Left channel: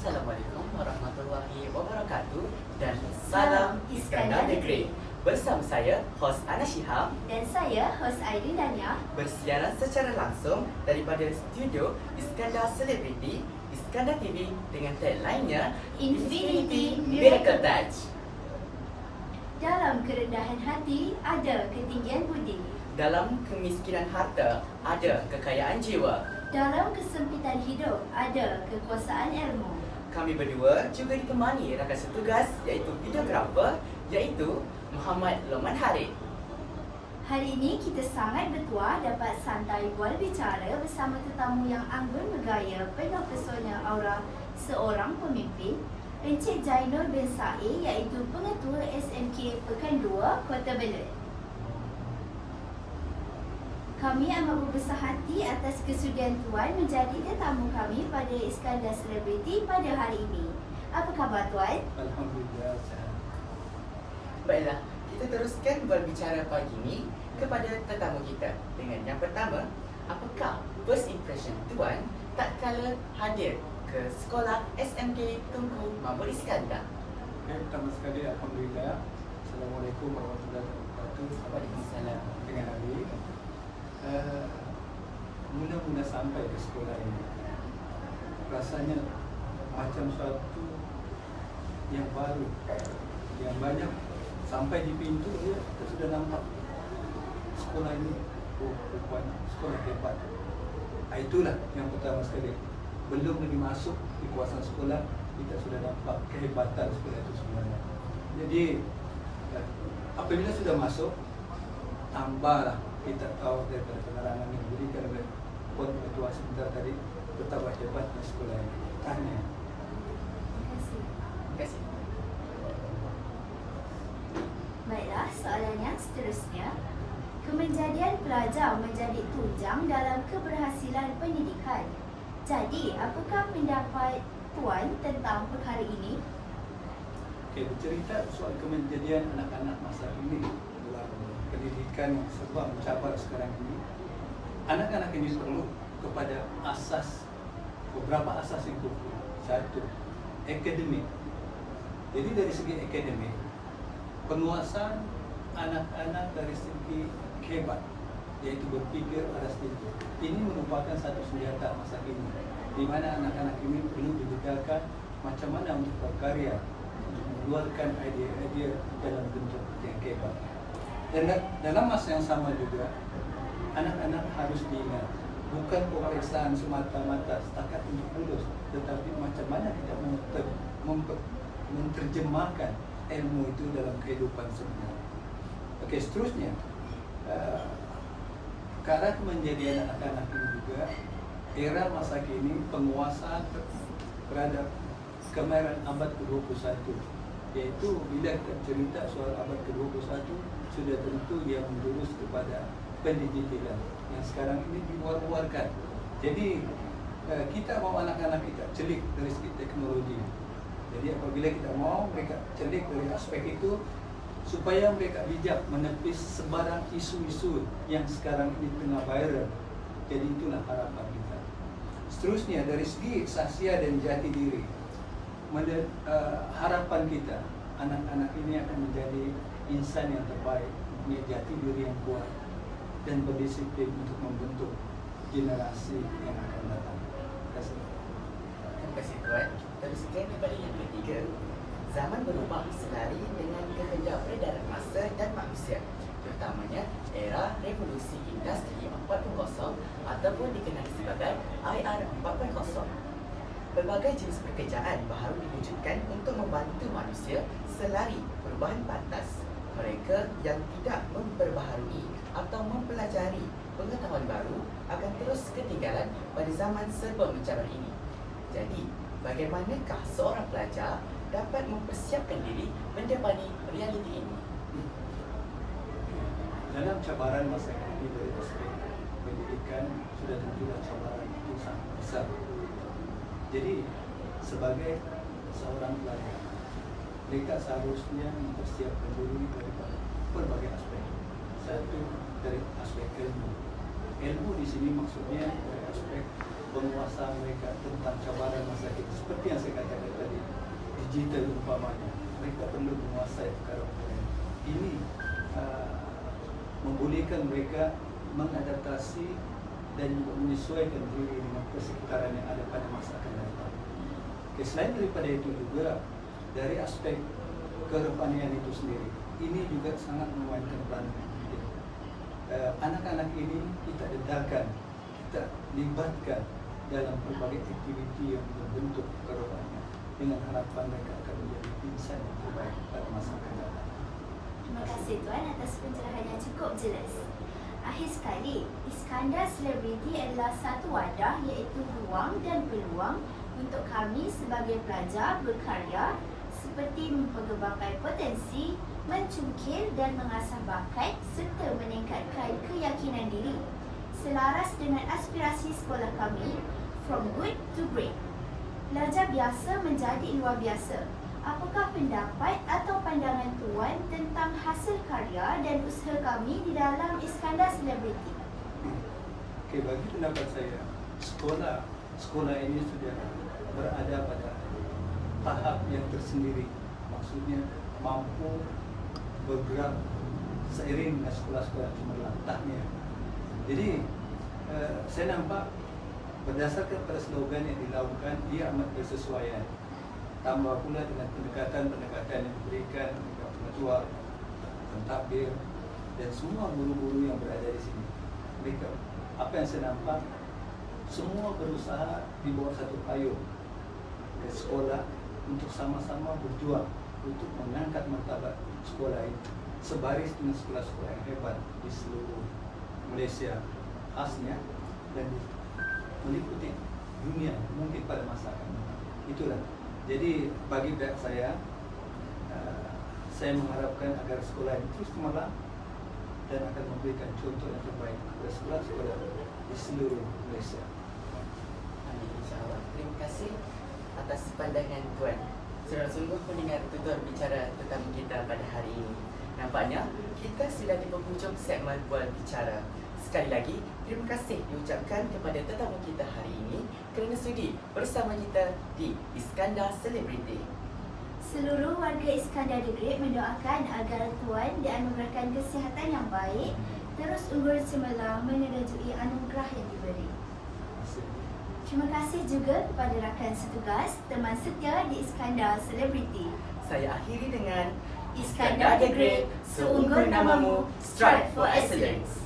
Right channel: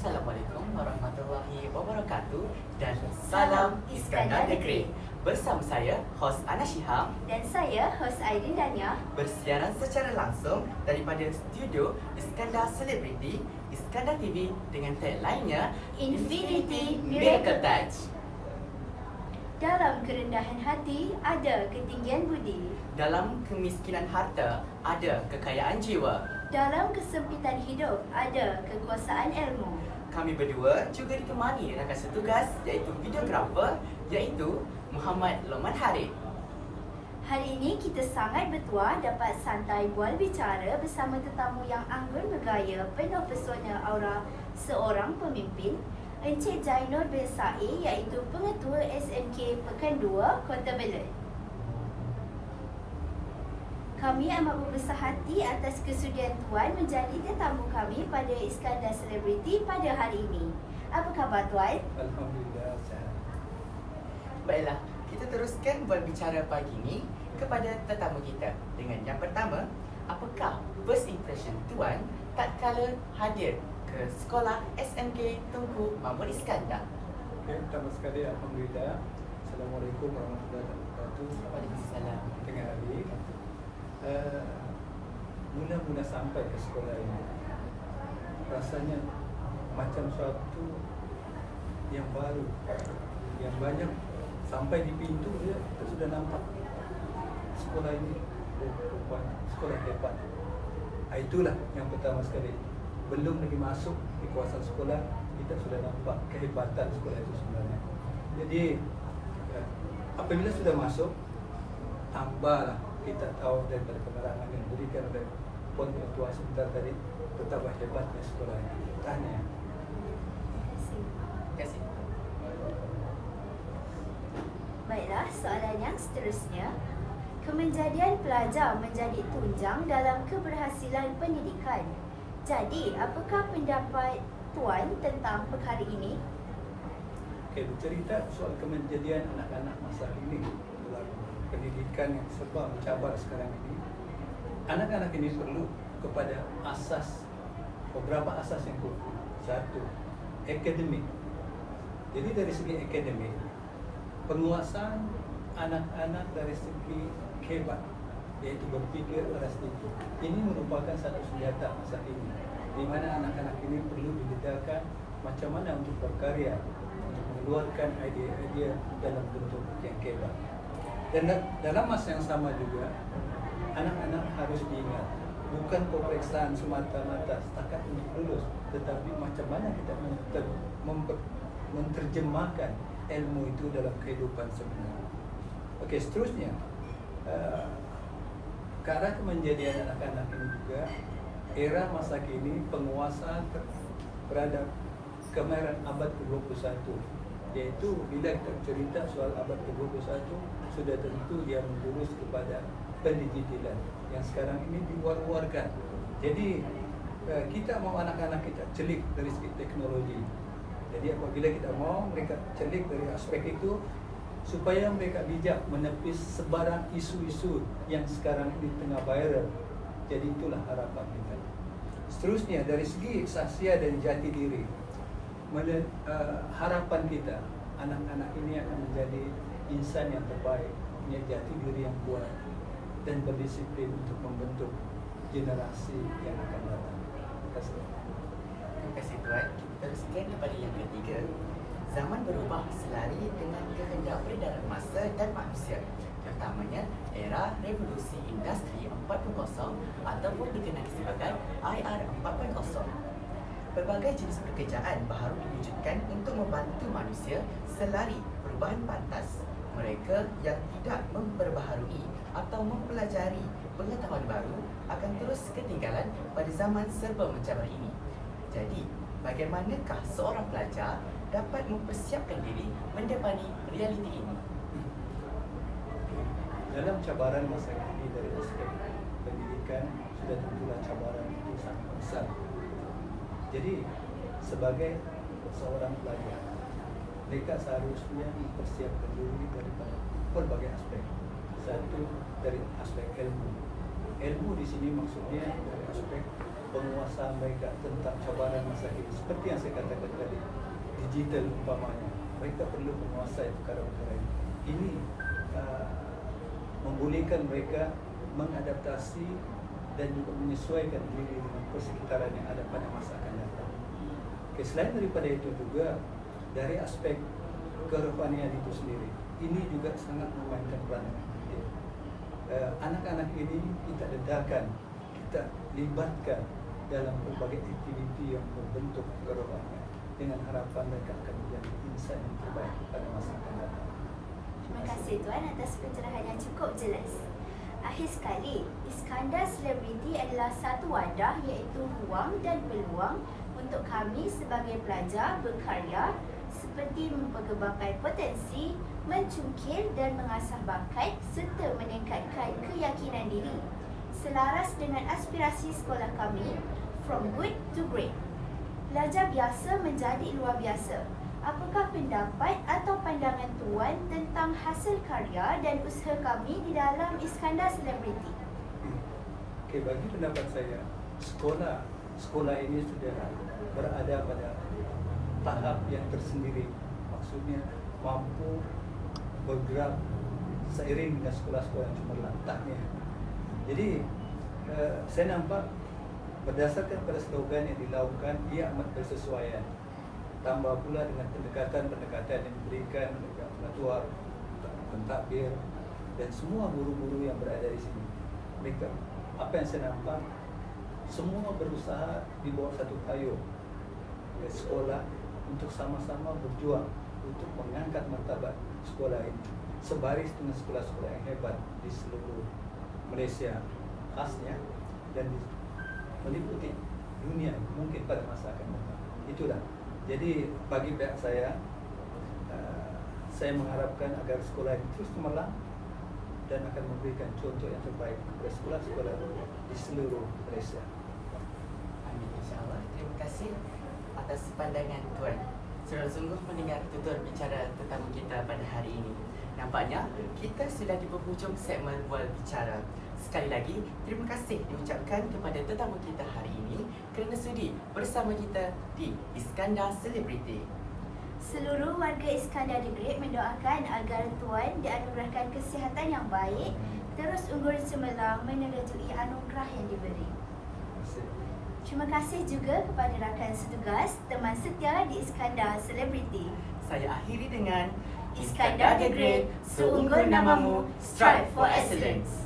Assalamualaikum warahmatullahi wabarakatuh dan salam Iskandar Negeri. Bersama saya, hos Ana Shihab Dan saya, hos Aidil Dania. bersiaran secara langsung daripada studio Iskandar Celebrity, Iskandar TV dengan tagline-nya Infinity Miracle Touch. Dalam kerendahan hati, ada ketinggian budi. Dalam kemiskinan harta, ada kekayaan jiwa. Dalam kesempitan hidup, ada kekuasaan ilmu. Kami berdua juga ditemani rakan setugas iaitu videografer iaitu Muhammad Loman Harith. Hari ini kita sangat bertuah dapat santai bual bicara bersama tetamu yang anggun bergaya penuh pesona aura seorang pemimpin Encik Jainur bin Sa'i iaitu pengetua SMK Pekan 2 Kota Belud. Kami amat berbesar hati atas kesudian Tuan menjadi tetamu kami pada Iskandar Celebrity pada hari ini. Apa khabar Tuan? Alhamdulillah. Baiklah, kita teruskan berbicara pagi ini kepada tetamu kita dengan yang pertama, apakah first impression Tuan tak kala hadir ke sekolah SMK Tunku Mahmud Iskandar? Okey, pertama sekali Alhamdulillah. Assalamualaikum warahmatullahi wabarakatuh. Waalaikumsalam. Dengan Ali. Uh, mula-mula sampai ke sekolah ini, rasanya macam suatu yang baru, yang banyak sampai di pintu dia kita sudah nampak sekolah ini oh, rupanya sekolah hebat. Ah, Itulah yang pertama sekali. Belum lagi masuk di kawasan sekolah, kita sudah nampak kehebatan sekolah itu sebenarnya. Jadi eh, apabila sudah masuk, tambahlah kita tahu daripada penerangan yang diberikan oleh Puan Ketua sebentar tadi betapa hebatnya sekolah ini. Tanya. Terima kasih. Terima kasih. Baiklah, soalan yang seterusnya. Kemenjadian pelajar menjadi tunjang dalam keberhasilan pendidikan. Jadi, apakah pendapat Tuan tentang perkara ini? Okey, bercerita soal kemenjadian anak-anak masa ini dalam pendidikan yang serba mencabar sekarang ini. Anak-anak ini perlu kepada asas beberapa asas yang perlu. Satu, akademik. Jadi dari segi akademik, penguasaan anak-anak dari segi hebat yaitu berpikir atas itu. Ini merupakan satu senjata masa ini di mana anak-anak ini perlu dibedakan macam mana untuk berkarya untuk mengeluarkan idea-idea dalam bentuk yang hebat. Dan dalam masa yang sama juga anak-anak harus diingat bukan pemeriksaan semata-mata setakat untuk lulus tetapi macam mana kita mener- memper- menerjemahkan ilmu itu dalam kehidupan sebenarnya. Okey, seterusnya uh, ke arah kemenjadian anak-anak ini juga era masa kini penguasaan ter- terhadap kemahiran abad ke-21 yaitu bila kita cerita soal abad ke-21 sudah tentu dia menjurus kepada pendidikan yang sekarang ini diwar-warkan. Jadi eh, kita mau anak-anak kita celik dari segi teknologi. Jadi apabila kita mau mereka celik dari aspek itu supaya mereka bijak menepis sebarang isu-isu yang sekarang ini tengah viral. Jadi itulah harapan kita. Seterusnya dari segi sahsia dan jati diri, men- eh, harapan kita anak-anak ini akan menjadi insan yang terbaik, punya jati diri yang kuat dan berdisiplin untuk membentuk generasi yang akan datang. Terima kasih. Terima kasih Tuan. Teruskan kepada yang ketiga. Zaman berubah selari dengan kehendak peredaran masa dan manusia. Terutamanya era revolusi industri 4.0 ataupun dikenali sebagai IR 4.0. Pelbagai jenis pekerjaan baru diwujudkan untuk membantu manusia selari perubahan pantas. Mereka yang tidak memperbaharui atau mempelajari pengetahuan baru akan terus ketinggalan pada zaman serba mencabar ini. Jadi, bagaimanakah seorang pelajar dapat mempersiapkan diri mendepani realiti ini? Dalam cabaran masa kini dari aspek pendidikan sudah tentulah cabaran itu sangat besar. Jadi sebagai seorang pelajar, mereka seharusnya mempersiapkan diri daripada berbagai aspek. Satu dari aspek ilmu. Ilmu di sini maksudnya dari aspek penguasaan mereka tentang cabaran masa kini seperti yang saya katakan tadi digital umpamanya mereka perlu menguasai perkara-perkara ini. ini uh, membolehkan mereka mengadaptasi dan menyesuaikan diri dengan persekitaran yang ada pada masa akan datang. Okay, selain daripada itu juga dari aspek kerohanian itu sendiri, ini juga sangat memainkan peranan. Uh, anak-anak ini kita dedahkan, kita libatkan dalam berbagai aktiviti yang berbentuk kerohanian dengan harapan mereka akan menjadi insan yang terbaik pada masa akan datang. Terima kasih Tuan atas pencerahan yang cukup jelas. Akhir sekali, Iskandar Selebriti adalah satu wadah iaitu ruang dan peluang untuk kami sebagai pelajar berkarya seperti mengembangkan potensi, mencungkil dan mengasah bakat serta meningkatkan keyakinan diri selaras dengan aspirasi sekolah kami from good to great. Pelajar biasa menjadi luar biasa. Apakah pendapat atau pandangan Tuan tentang hasil karya dan usaha kami di dalam Iskandar Selebriti? Okey, bagi pendapat saya, sekolah sekolah ini sudah berada pada tahap yang tersendiri. Maksudnya mampu bergerak seiring dengan sekolah-sekolah yang cemerlang tahnya. Jadi eh, saya nampak berdasarkan pada slogan yang dilakukan ia amat bersesuaian. Tambah pula dengan pendekatan-pendekatan yang diberikan oleh ketua, pentadbir dan semua guru-guru yang berada di sini. Mereka apa yang saya nampak semua berusaha di bawah satu payung sekolah untuk sama-sama berjuang untuk mengangkat martabat sekolah ini sebaris dengan sekolah-sekolah yang hebat di seluruh Malaysia khasnya dan meliputi dunia mungkin pada masa akan datang. Itulah. Jadi bagi pihak saya uh, saya mengharapkan agar sekolah ini terus cemerlang dan akan memberikan contoh yang terbaik kepada sekolah-sekolah di seluruh Malaysia. Amin. Terima kasih atas pandangan Tuan. Sungguh-sungguh mendengar tutur bicara tetamu kita pada hari ini. Nampaknya kita sudah di penghujung segmen Bual Bicara. Sekali lagi, terima kasih diucapkan kepada tetamu kita hari ini kerana sudi bersama kita di Iskandar Celebrity. Seluruh warga Iskandar The Great mendoakan agar Tuan dianugerahkan kesihatan yang baik, terus unggul cemerlang menyerajui anugerah yang diberi. Terima kasih. Juga kepada rakan setugas, teman setia di Iskandar Celebrity. Saya akhiri dengan Iskandar the Great, seunggul namamu, strive for excellence.